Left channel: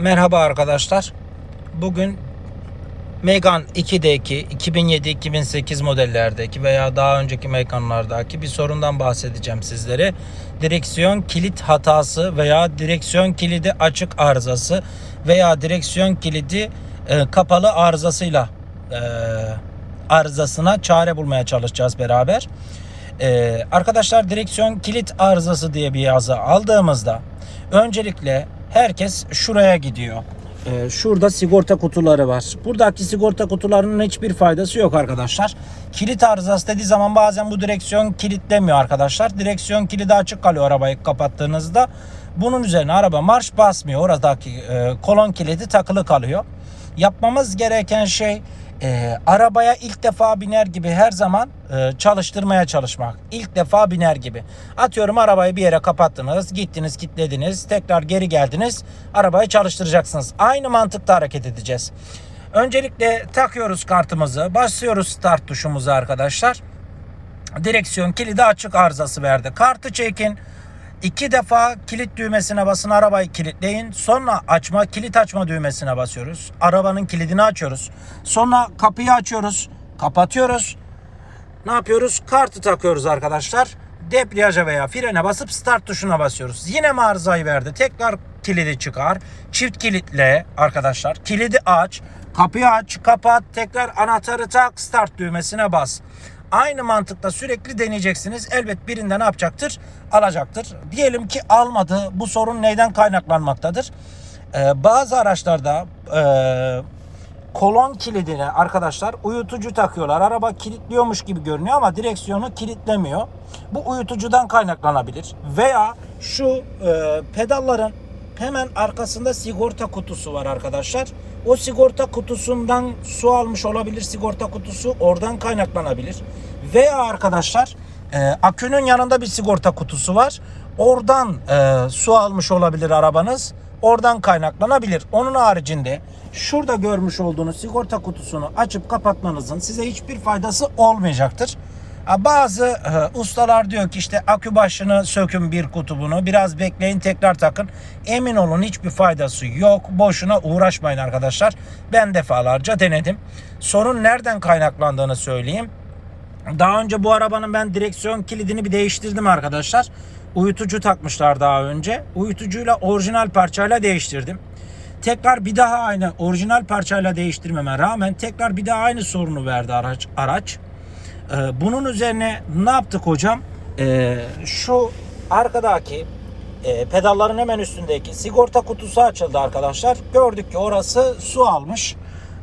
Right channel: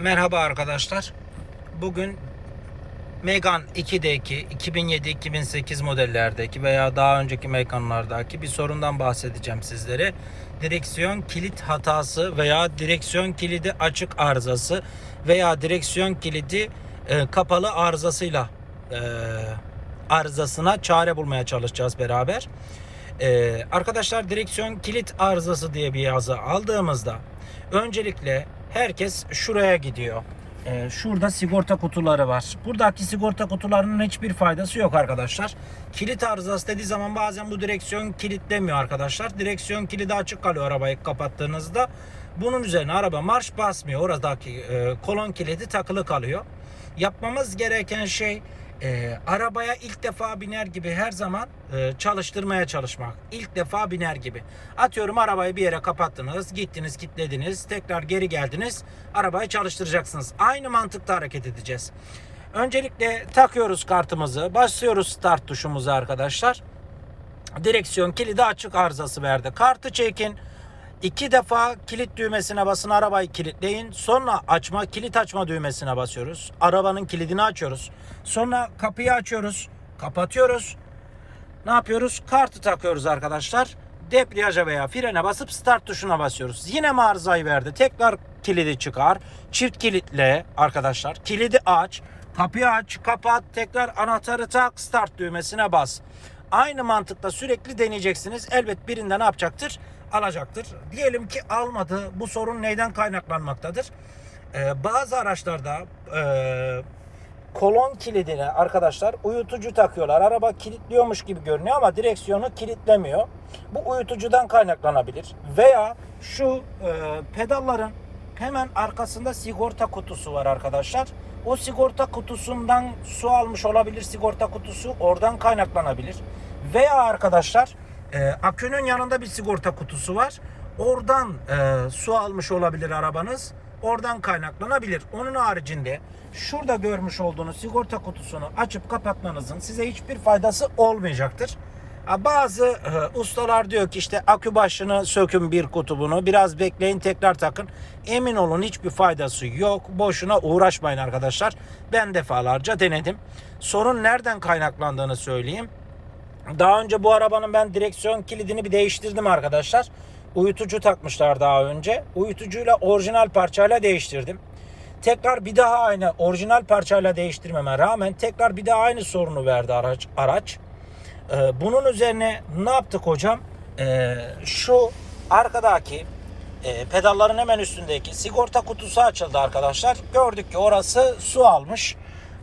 Merhaba arkadaşlar. Bugün Megane 2'deki 2007-2008 modellerdeki veya daha önceki Megane'lardaki bir sorundan bahsedeceğim sizlere. Direksiyon kilit hatası veya direksiyon kilidi açık arızası veya direksiyon kilidi e, kapalı arızasıyla e, arızasına çare bulmaya çalışacağız beraber. E, arkadaşlar direksiyon kilit arızası diye bir yazı aldığımızda öncelikle herkes şuraya gidiyor. Ee, şurada sigorta kutuları var. Buradaki sigorta kutularının hiçbir faydası yok arkadaşlar. Kilit arızası dediği zaman bazen bu direksiyon kilitlemiyor arkadaşlar. Direksiyon kilidi açık kalıyor arabayı kapattığınızda. Bunun üzerine araba marş basmıyor. Oradaki e, kolon kilidi takılı kalıyor. Yapmamız gereken şey e, arabaya ilk defa biner gibi her zaman e, çalıştırmaya çalışmak. İlk defa biner gibi. Atıyorum arabayı bir yere kapattınız, gittiniz, kilitlediniz, tekrar geri geldiniz, arabayı çalıştıracaksınız. Aynı mantıkta hareket edeceğiz. Öncelikle takıyoruz kartımızı, basıyoruz start tuşumuzu arkadaşlar. Direksiyon kilidi açık arızası verdi. Kartı çekin. İki defa kilit düğmesine basın arabayı kilitleyin. Sonra açma kilit açma düğmesine basıyoruz. Arabanın kilidini açıyoruz. Sonra kapıyı açıyoruz. Kapatıyoruz. Ne yapıyoruz? Kartı takıyoruz arkadaşlar. Debriyaja veya frene basıp start tuşuna basıyoruz. Yine mi verdi? Tekrar kilidi çıkar. Çift kilitle arkadaşlar. Kilidi aç. Kapıyı aç, kapat, tekrar anahtarı tak, start düğmesine bas. Aynı mantıkla sürekli deneyeceksiniz. Elbet birinde ne yapacaktır? Alacaktır. Diyelim ki almadı. Bu sorun neyden kaynaklanmaktadır? Ee, bazı araçlarda e, kolon kilidine arkadaşlar uyutucu takıyorlar. Araba kilitliyormuş gibi görünüyor ama direksiyonu kilitlemiyor. Bu uyutucudan kaynaklanabilir. Veya şu e, pedalların hemen arkasında sigorta kutusu var arkadaşlar. O sigorta kutusundan su almış olabilir sigorta kutusu. Oradan kaynaklanabilir. Veya arkadaşlar e, akünün yanında bir sigorta kutusu var. Oradan e, su almış olabilir arabanız. Oradan kaynaklanabilir. Onun haricinde şurada görmüş olduğunuz sigorta kutusunu açıp kapatmanızın size hiçbir faydası olmayacaktır. Bazı e, ustalar diyor ki işte akü başını sökün bir kutubunu biraz bekleyin tekrar takın. Emin olun hiçbir faydası yok. Boşuna uğraşmayın arkadaşlar. Ben defalarca denedim. Sorun nereden kaynaklandığını söyleyeyim. Daha önce bu arabanın ben direksiyon kilidini bir değiştirdim arkadaşlar. Uyutucu takmışlar daha önce. Uyutucuyla orijinal parçayla değiştirdim. Tekrar bir daha aynı orijinal parçayla değiştirmeme rağmen tekrar bir daha aynı sorunu verdi araç. araç. Ee, bunun üzerine ne yaptık hocam? Ee, şu arkadaki e, pedalların hemen üstündeki sigorta kutusu açıldı arkadaşlar. Gördük ki orası su almış.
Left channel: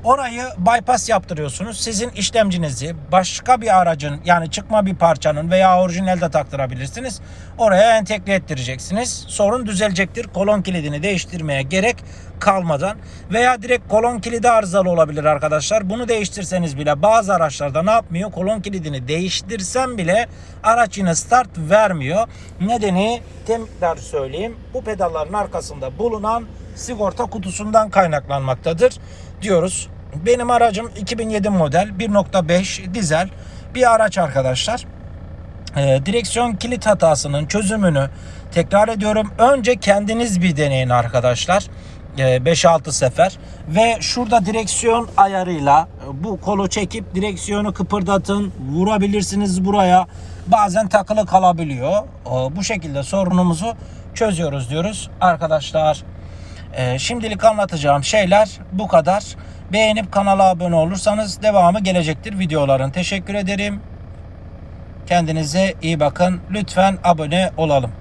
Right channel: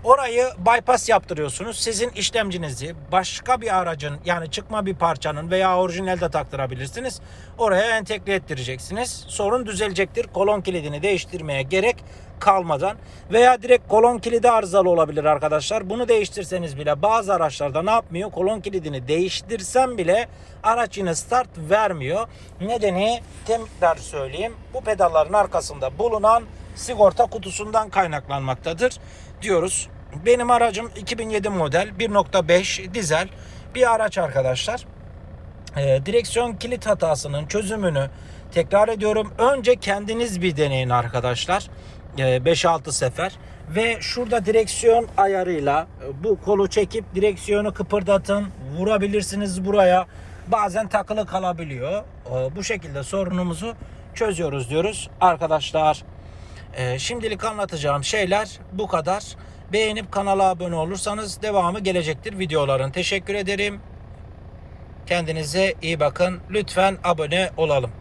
Orayı bypass yaptırıyorsunuz. Sizin işlemcinizi başka bir aracın yani çıkma bir parçanın veya orijinalde taktırabilirsiniz. Oraya entegre ettireceksiniz. Sorun düzelecektir. Kolon kilidini değiştirmeye gerek kalmadan veya direkt kolon kilidi arızalı olabilir arkadaşlar. Bunu değiştirseniz bile bazı araçlarda ne yapmıyor? Kolon kilidini değiştirsem bile araç yine start vermiyor. Nedeni tekrar söyleyeyim. Bu pedalların arkasında bulunan sigorta kutusundan kaynaklanmaktadır diyoruz. Benim aracım 2007 model 1.5 dizel bir araç arkadaşlar. Ee, direksiyon kilit hatasının çözümünü tekrar ediyorum. Önce kendiniz bir deneyin arkadaşlar. Ee, 5-6 sefer ve şurada direksiyon ayarıyla e, bu kolu çekip direksiyonu kıpırdatın. Vurabilirsiniz buraya. Bazen takılı kalabiliyor. Ee, Bu şekilde sorunumuzu çözüyoruz diyoruz arkadaşlar. Ee, şimdilik anlatacağım şeyler bu kadar. Beğenip kanala abone olursanız devamı gelecektir videoların. Teşekkür ederim. Kendinize iyi bakın. Lütfen abone olalım.